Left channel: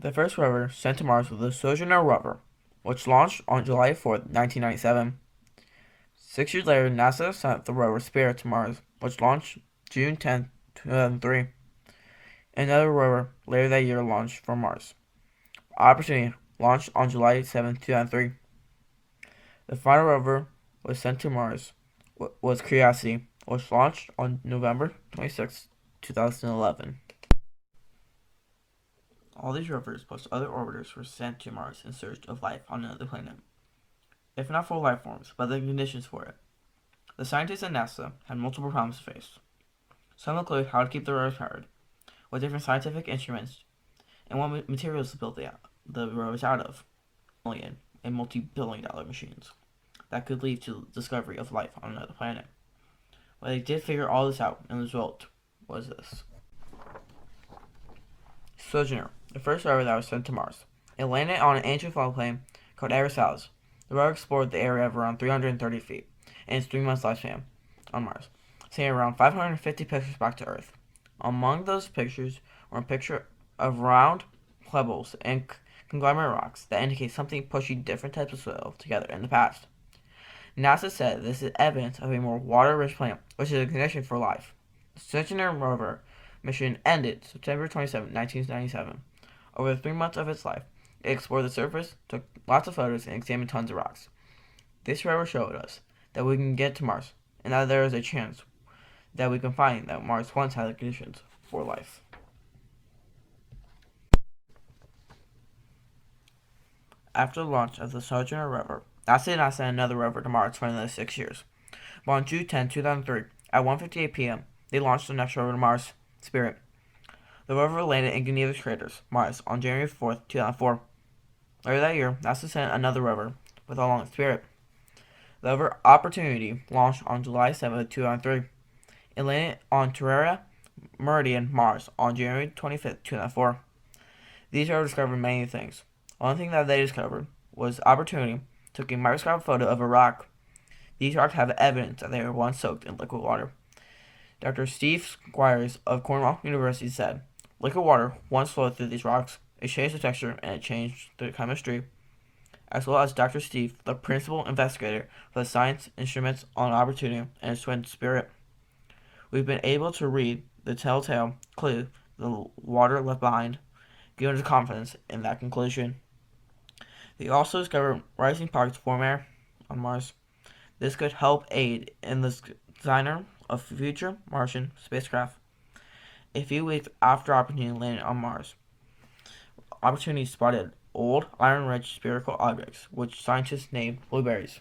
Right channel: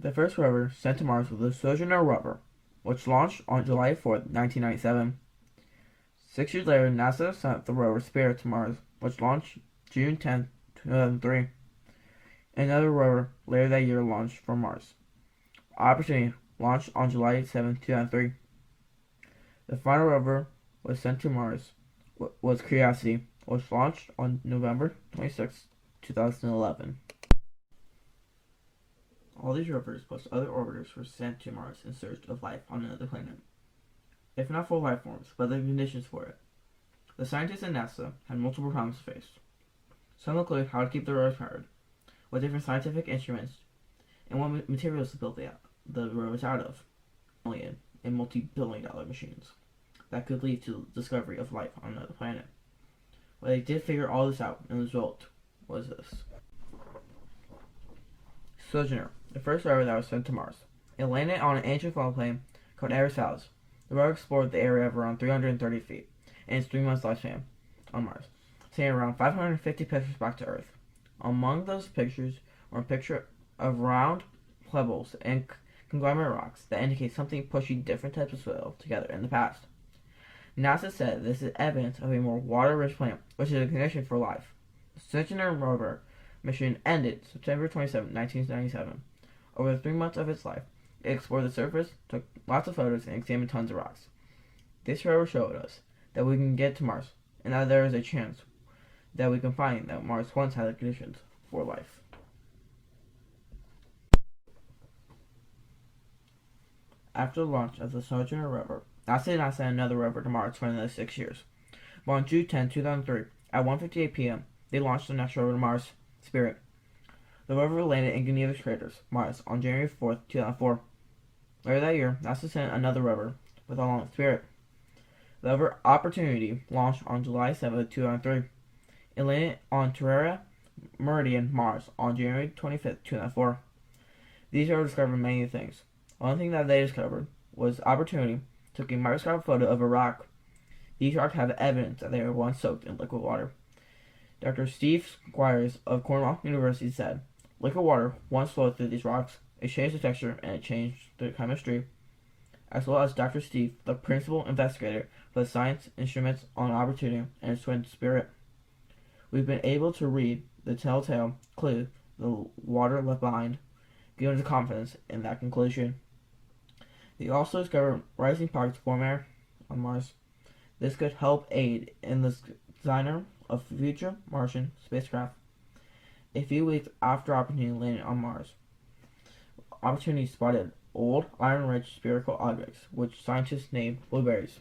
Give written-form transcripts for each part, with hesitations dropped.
The first rover sent to Mars was the Sojourner rover, which launched on July 4th, 1997. 6 years later, NASA sent the rover Spirit to Mars, which launched June 10th, 2003. Another rover later that year launched from Mars. Opportunity launched on July 7th, 2003. The final rover was sent to Mars was Curiosity, which launched on November 26th, 2011. All these rovers plus other orbiters were sent to Mars in search of life on another planet. If not for life forms, but the conditions for it. The scientists at NASA had multiple problems to face. Some include how to keep the rovers powered, what different scientific instruments, and what materials to build the rovers out of, and multi-billion-dollar machines that could lead to the discovery of life on another planet. But they did figure all this out, and the result was this. Sojourner, the first rover that was sent to Mars. It landed on an ancient floodplain called Aristoteles. The rover explored the area of around 330 feet in its 3 months lifespan on Mars, sending around 550 pictures back to Earth. Among those pictures were a picture of round pebbles and conglomerate rocks that indicate something pushing different types of soil together in the past. NASA said this is evidence of a more water-rich planet, which is a condition for life. The Sojourner rover mission ended September 27, 1997. Over the 3 months of its life, it explored the surface, took lots of photos, and examined tons of rocks. This rover showed us that we can get to Mars, and that there is a chance that we can find that Mars once had the conditions for life. After the launch of the Sojourner rover, NASA did not send another rover to Mars for another 6 years. But on June 10, 2003, at 1:58 p.m., they launched the next rover to Mars, Spirit. The rover landed in Nilges craters, Mars, on January 4th, 2004. Later that year, NASA sent another rover with along with Spirit. The rover Opportunity launched on July 7th, 2003. It landed on Terra Meridian, Mars, on January 25th, 2004. These rovers discovered many things. One thing that they discovered was Opportunity took a microscopic photo of a rock. These rocks have evidence that they were once soaked in liquid water. Dr. Steve Squires of Cornell University said, liquid water once flowed through these rocks. It changed the texture and it changed the chemistry. As well as Dr. Steve, the principal investigator for the science instruments on Opportunity and its twin Spirit. We've been able to read the telltale clue the water left behind, giving us confidence in that conclusion. They also discovered rising pockets of warm air on Mars. This could help aid in the design of future Martian spacecraft. A few weeks after Opportunity landed on Mars, Opportunity spotted old, iron-rich spherical objects, which scientists named blueberries.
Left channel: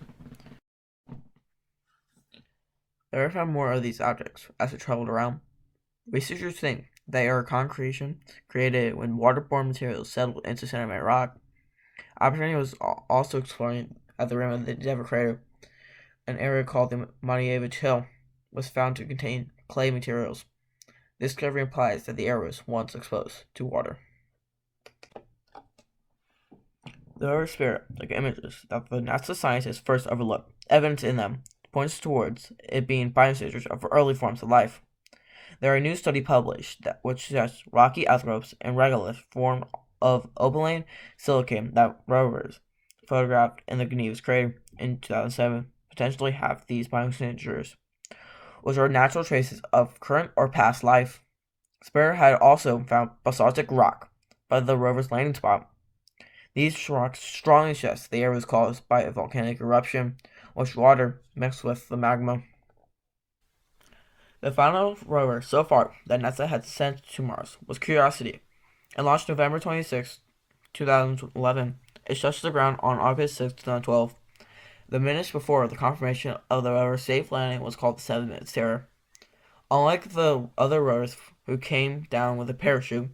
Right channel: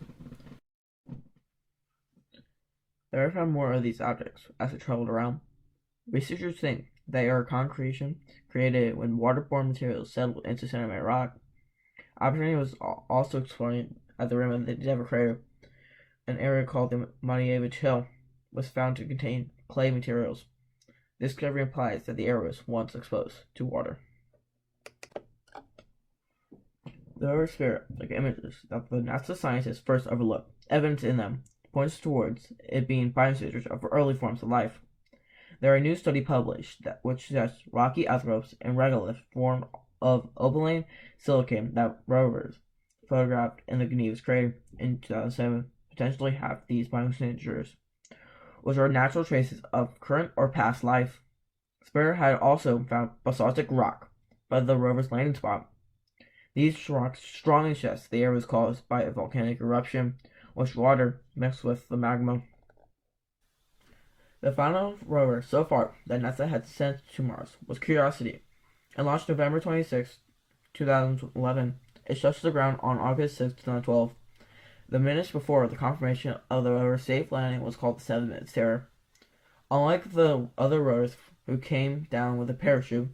They ever found more of these objects as it traveled around. Researchers think they are a concretion created when waterborne materials settled into sedimentary rock. Opportunity was also exploring at the rim of the Endeavour crater. An area called the Nilges Hill was found to contain clay materials. This discovery implies that the area was once exposed to water. The rover Spirit took images that the NASA scientists first overlooked. Evidence in them points towards it being biosignatures of early forms of life. There are a new study published which suggests rocky outcrops and regolith formed of opaline silicate that rovers photographed in the Nilges crater in 2007 potentially have these biosignatures, which are natural traces of current or past life. Spirit had also found basaltic rock by the rover's landing spot. These rocks strongly suggest the area was caused by a volcanic eruption, which water mixed with the magma. The final rover so far that NASA had sent to Mars was Curiosity. It launched November 26, 2011. It touched the ground on August 6, 2012. The minutes before the confirmation of the rover's safe landing was called the 7-minute terror. Unlike the other rovers who came down with a parachute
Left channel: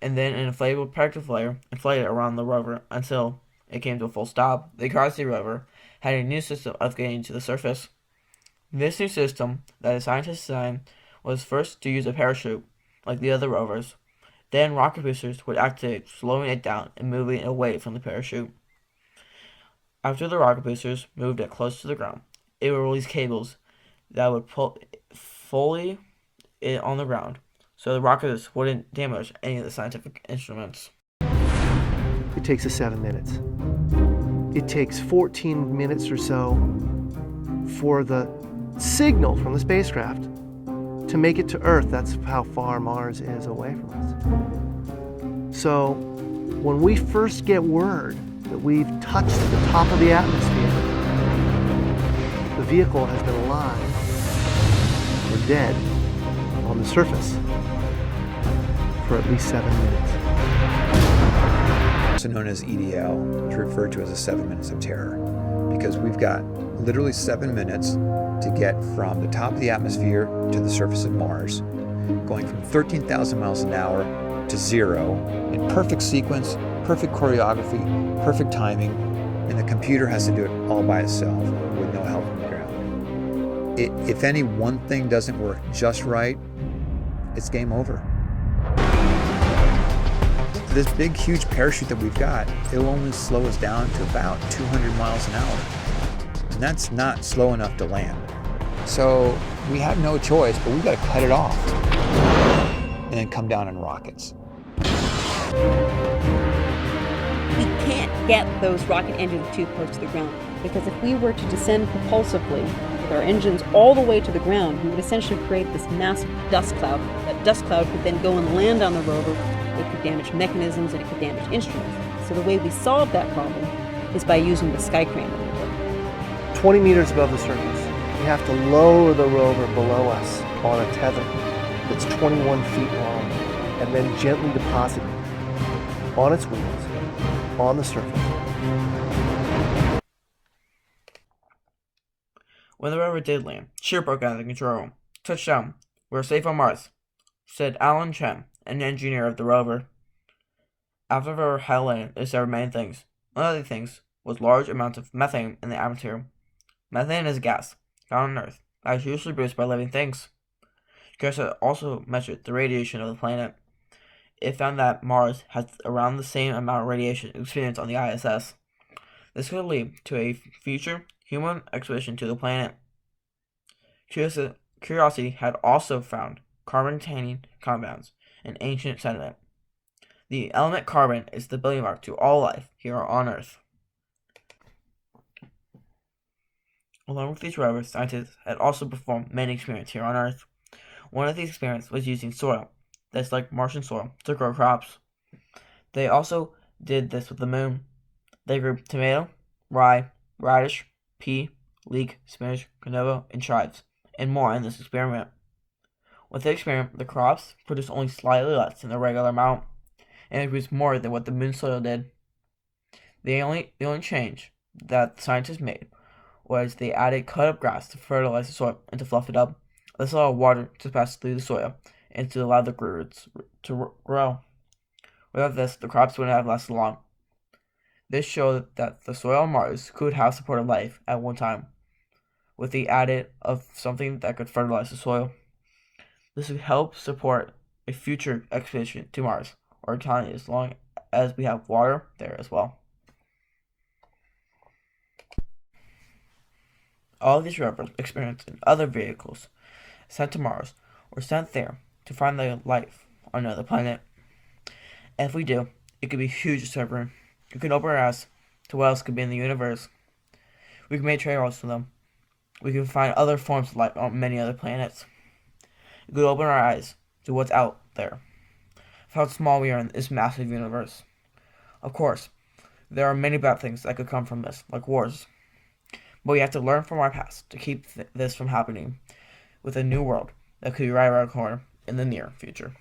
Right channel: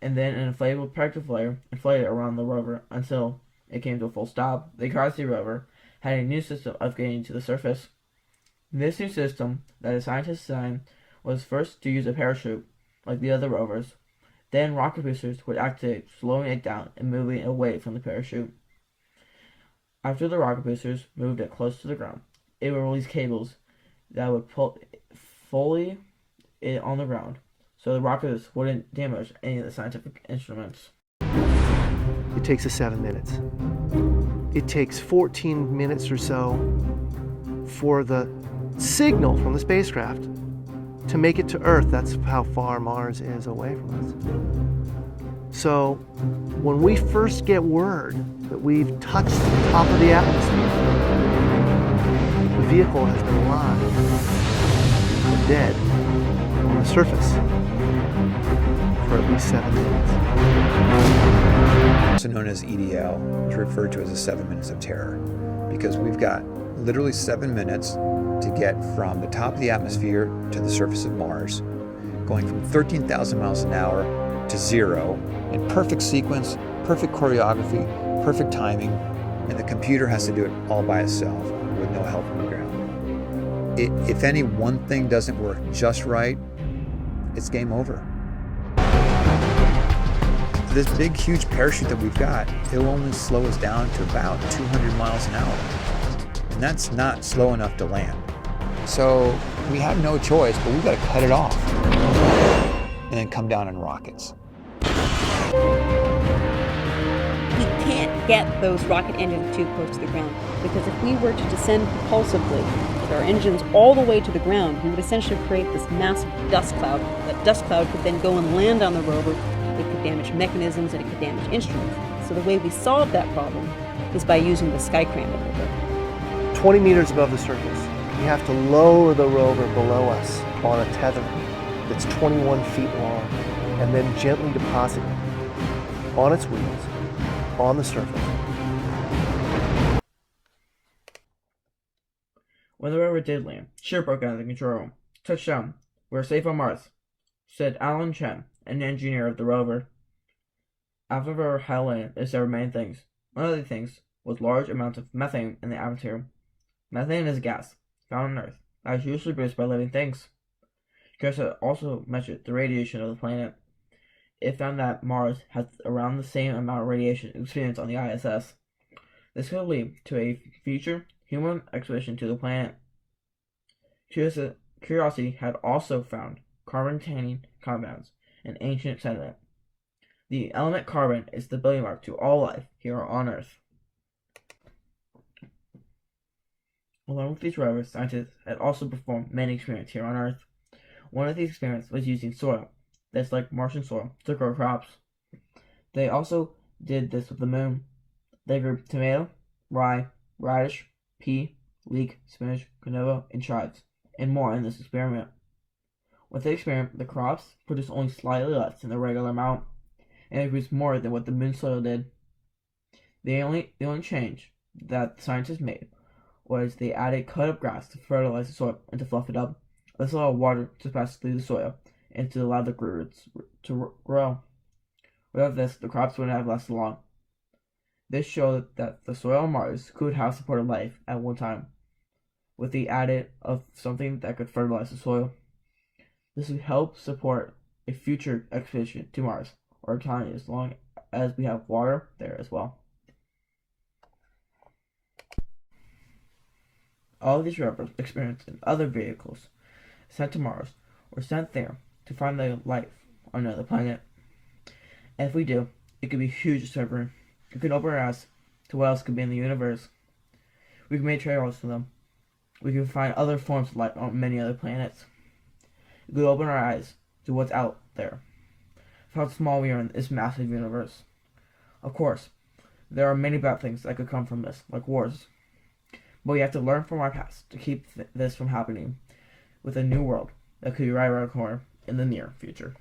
and then an inflatable protective layer inflated around the rover until it came to a full stop, the Curiosity rover had a new system of getting to the surface. This new system that the scientists designed was first to use a parachute, like the other rovers. Then rocket boosters would activate, slowing it down and moving it away from the parachute. After the rocket boosters moved it close to the ground, it would release cables that would pull fully it on the ground, so the rockets wouldn't damage any of the scientific instruments. It takes us 7 minutes. It takes 14 minutes or so for the signal from the spacecraft to make it to Earth. That's how far Mars is away from us. So when we first get word that we've touched the top of the atmosphere, the vehicle has been alive or dead on the surface for at least 7 minutes. Also known as EDL, is referred to as the 7 minutes of terror, because we've got literally 7 minutes to get from the top of the atmosphere to the surface of Mars, going from 13,000 miles an hour to 0 in perfect sequence, perfect choreography, perfect timing, and the computer has to do it all by itself with no help from the ground. If any one thing doesn't work just right, it's game over. This big, huge parachute that we've got, it'll only slow us down to about 200 miles an hour. And that's not slow enough to land. So we have no choice, but we've got to cut it off and then come down in rockets. We can't get those rocket engines too close to the ground, because if we were to descend propulsively with our engines all the way to the ground, we would essentially create this massive dust cloud. That dust cloud could then go and land on the rover. It could damage mechanisms and it could damage instruments. So the way we solve that problem is by using the sky crane maneuver. 20 meters above the surface, we have to lower the rover below us on a tether that's 21 feet long, and then gently deposit it on its wheels on the surface. When the rover did land, ship broke out of the control room. Touchdown. We're safe on Mars, said Alan Chen, an engineer of the rover. After the rover had landed, it discovered many things. One of the things was large amounts of methane in the atmosphere. Methane is a gas found on Earth that is usually produced by living things. JAXA also measured the radiation of the planet. It found that Mars has around the same amount of radiation experienced on the ISS. This could lead to a future human expedition to the planet. Curiosity had also found carbon-containing compounds in ancient sediment. The element carbon is the building block to all life here on Earth. Along with these rovers, scientists had also performed many experiments here on Earth. One of these experiments was using soil that's like Martian soil to grow crops. They also did this with the moon. They grew tomato, rye, radish, pea, leek, spinach, canola, and chives, and more in this experiment. With the experiment, the crops produced only slightly less than the regular amount, and it produced more than what the moon soil did. The only change that scientists made was they added cut up grass to fertilize the soil and to fluff it up. This allowed water to pass through the soil and to allow the roots to grow. Without this, the crops wouldn't have lasted long. This showed that the soil on Mars could have supported life at one time, with the added of something that could fertilize the soil. This would help support a future expedition to Mars or colony as long as we have water there as well. All of these rovers experienced in other vehicles sent to Mars or sent there to find the life on another planet. And if we do, it could be a huge discovery. We can open our eyes to what else could be in the universe. We can make trails to them. We can find other forms of life on many other planets. We could open our eyes to what's out there, how small we are in this massive universe. Of course, there are many bad things that could come from this, like wars. But we have to learn from our past to keep this from happening with a new world that could be right around the corner in the near future.